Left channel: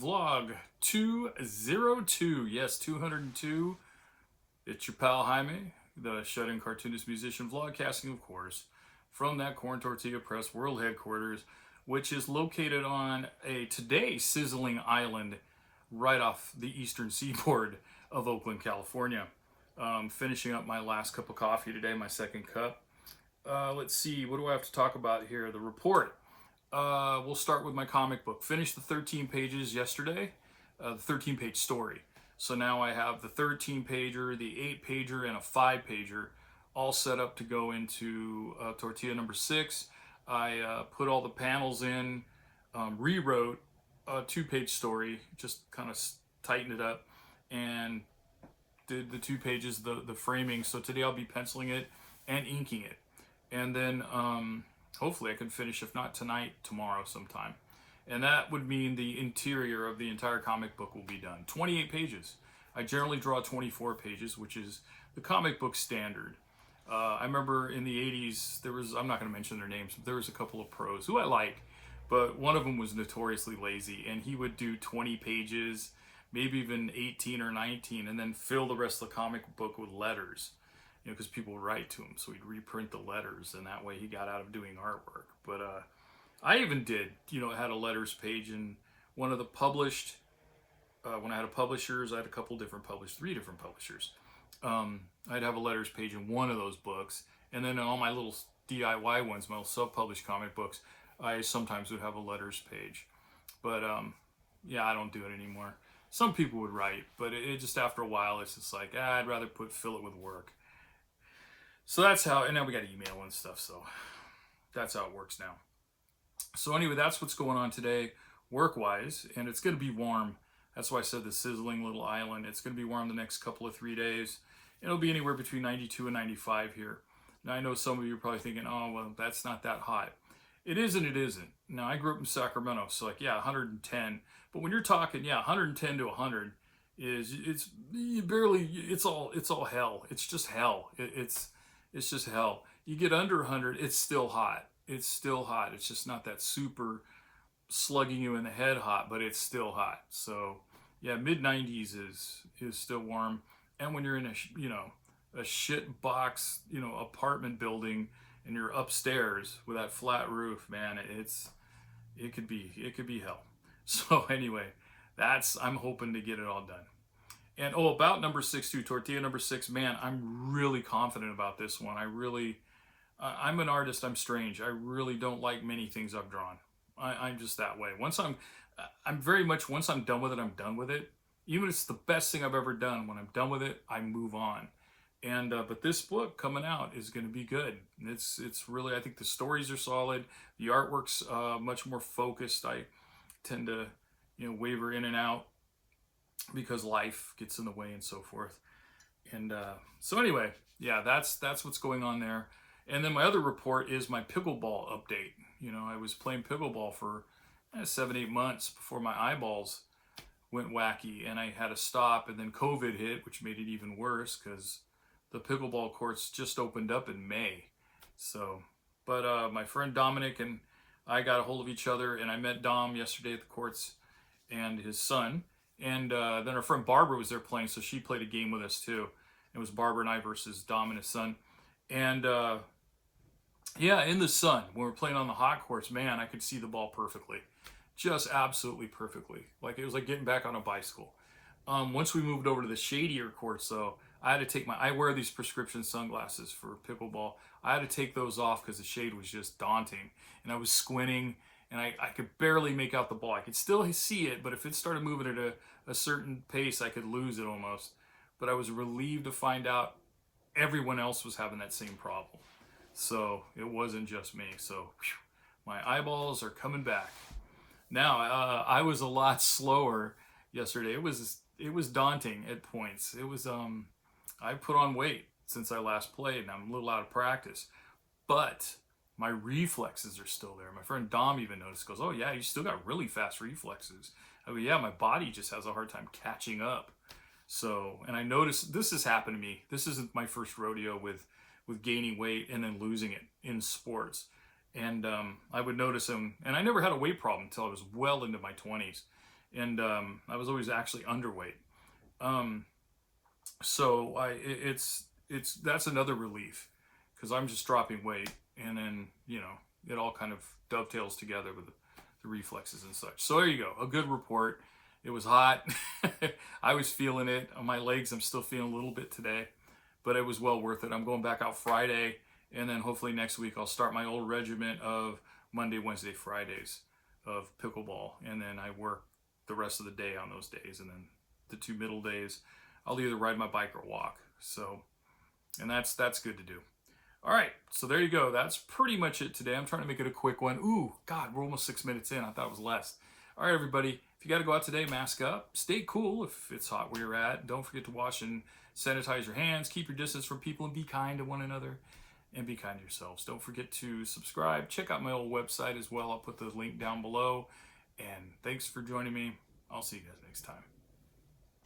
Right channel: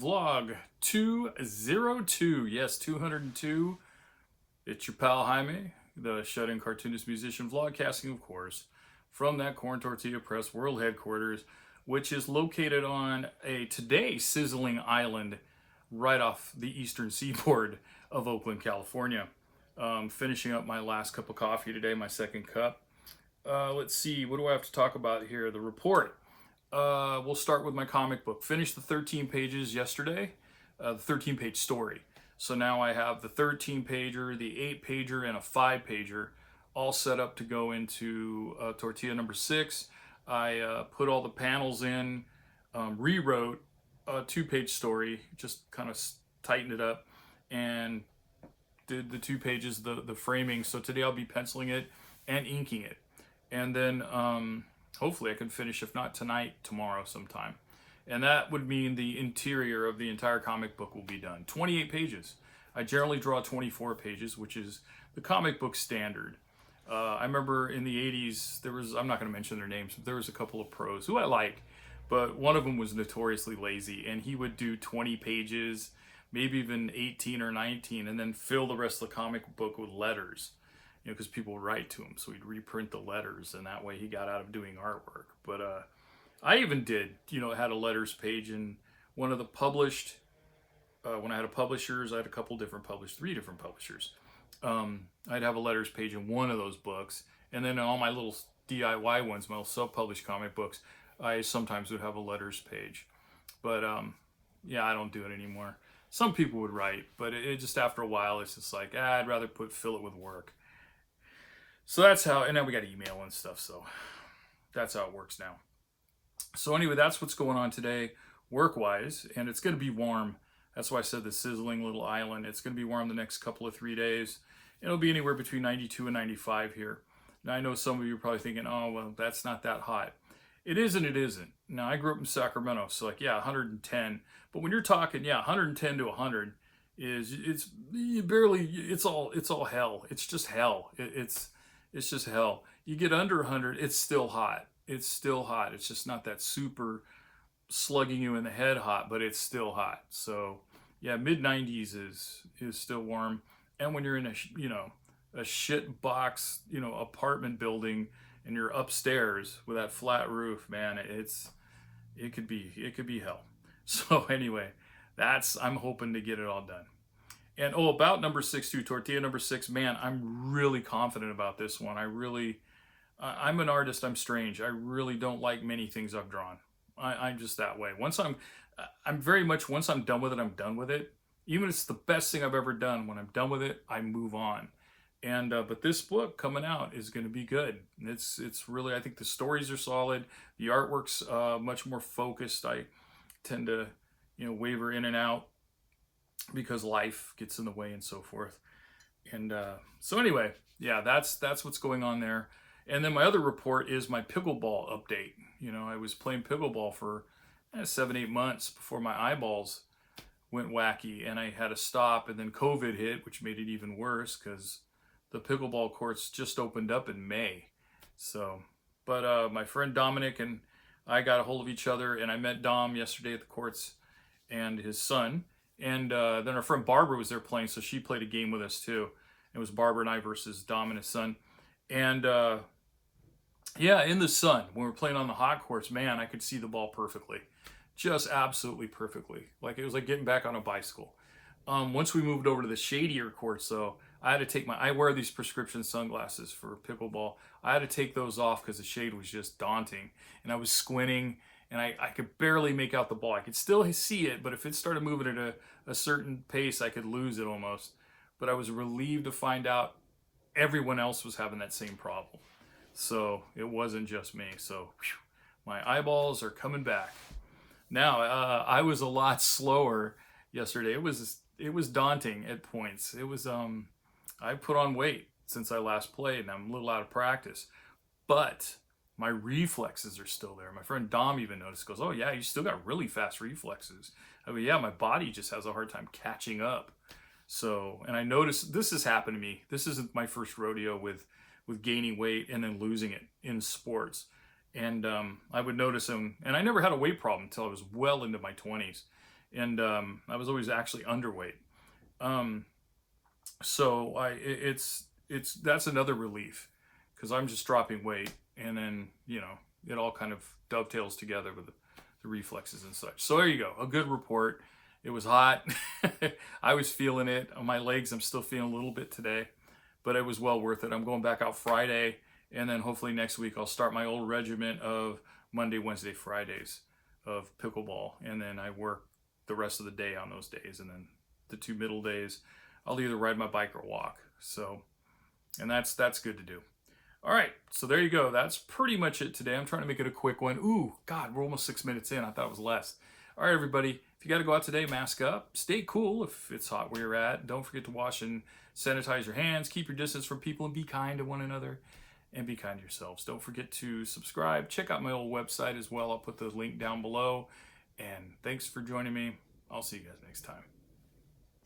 vlog 202. Yes, 202. It's your pal Jaime, the shut-in cartoonist, musician, vlogcasting, of course, from that Corn Tortilla Press world headquarters, which is located on a today sizzling island right off the eastern seaboard of Oakland, California. Finishing up my last cup of coffee today, my second cup. Let's see, what do I have to talk about here? The report. We'll start with my comic book. Finished the 13 pages yesterday, the 13-page story. So now I have the 13-pager, the 8-pager, and a 5-pager all set up to go into Tortilla number 6. I put all the panels in, rewrote a 2-page story, just kind of tightened it up, and did the 2 pages, the framing. So today I'll be penciling it and inking it. And then hopefully I can finish, if not tonight, tomorrow sometime. And that would mean the interior of the entire comic book will be done. 28 pages. I generally draw 24 pages, which is the comic book standard. I remember in the 80s, there was, I'm not going to mention their names, but there was a couple of pros who I like, but one of them was notoriously lazy, and he would do 20 pages, maybe even 18 or 19, and then fill the rest of the comic book with letters. You know, because people write to him, so he'd reprint the letters, and that way he got out of doing artwork. But I even did, had a letters page in one of the published, when I had a publishers, I had a couple different 3 different publishers. I'd have a letters page in one of those books, and then in all my little DIY ones, my little self-published comic books, I sometimes would have a letters page. But yeah, I don't do it anymore. Some people would write, but it just after a while, it's just like, I'd rather fill it with work. So that's how, and then we got email and stuff, so that's how it works now. So anyway, that's what's going on today, work-wise, and it's going to be warm. That's why I said the sizzling little island. It's going to be warm the next couple of 3 days. It'll be anywhere between 92 and 95 here. Now, I know some of you are probably thinking, oh, well, that's not that hot. It is and it isn't. Now, I grew up in Sacramento, so like, yeah, 110. But when you're talking, 110 to 100, it's all hell. It's just hell. It's just hell. You get under 100, it's still hot. It's still hot. It's just not that super slugging you in the head hot, but it's still hot. So yeah, mid 90s is still warm. And when you're in a shit box, apartment building, and you're upstairs with that flat roof, man, it could be hell. So anyway, I'm hoping to get it all done. And about number 6 too, Tortilla number 6, man, I'm really confident about this one. I'm an artist, I'm strange. I really don't like many things I've drawn. I'm just that way. Once I'm done with it, I'm done with it. Even if it's the best thing I've ever done, when I'm done with it, I move on. And but this book coming out is going to be good. It's really, I think the stories are solid. The artwork's much more focused. I tend to waver in and out because life gets in the way and so forth. And so anyway, yeah, that's what's going on there. And then my other report is my pickleball update. I was playing pickleball for 7-8 months before my eyeballs went wacky, and I had to stop, and then COVID hit, which made it even worse because the pickleball courts just opened up in May. So, but my friend Dominic and I got a hold of each other, and I met Dom yesterday at the courts and his son. And then our friend Barbara was there playing, so she played a game with us too. It was Barbara and I versus Dom and his son. And yeah, in the sun, when we were playing on the hot courts, man, I could see the ball perfectly. Just absolutely perfectly. Like it was like getting back on a bicycle. Once we moved over to the shadier courts, though, I had to I wear these prescription sunglasses for pickleball. I had to take those off because the shade was just daunting. And I was squinting, and I could barely make out the ball. I could still see it, but if it started moving at a certain pace, I could lose it almost. But I was relieved to find out everyone else was having that same problem. So it wasn't just me. So my eyeballs are coming back. Now, I was a lot slower yesterday. It was daunting at points. It was, I put on weight since I last played, and I'm a little out of practice. But my reflexes are still there. My friend Dom even noticed, goes, oh yeah, you still got really fast reflexes. I mean, yeah, my body just has a hard time catching up. So, and I noticed this has happened to me. This isn't my first rodeo with gaining weight and then losing it in sports. And I would notice them, and I never had a weight problem until I was well into my 20s. and I was always actually underweight. Um, so it's that's another relief because I'm just dropping weight, and then it all kind of dovetails together with the reflexes and such. So there you go, a good report. It was hot. I was feeling it on my legs. I'm still feeling a little bit today, but it was well worth it. I'm going back out Friday, and then hopefully next week I'll start my old regiment of Monday, Wednesday, Fridays of pickleball, and then I work the rest of the day on those days, and then the 2 middle days I'll either ride my bike or walk. So, and that's good to do. All right, so there you go. That's pretty much it today. I'm trying to make it a quick one. Ooh, God, we're almost 6 minutes in. I thought it was less. All right, everybody, if you got to go out today, mask up. Stay cool if it's hot where you're at. Don't forget to wash and sanitize your hands. Keep your distance from people and be kind to one another. And be kind to yourselves. Don't forget to subscribe. Check out my old website as well. I'll put the link down below. And thanks for joining me. I'll see you guys next time.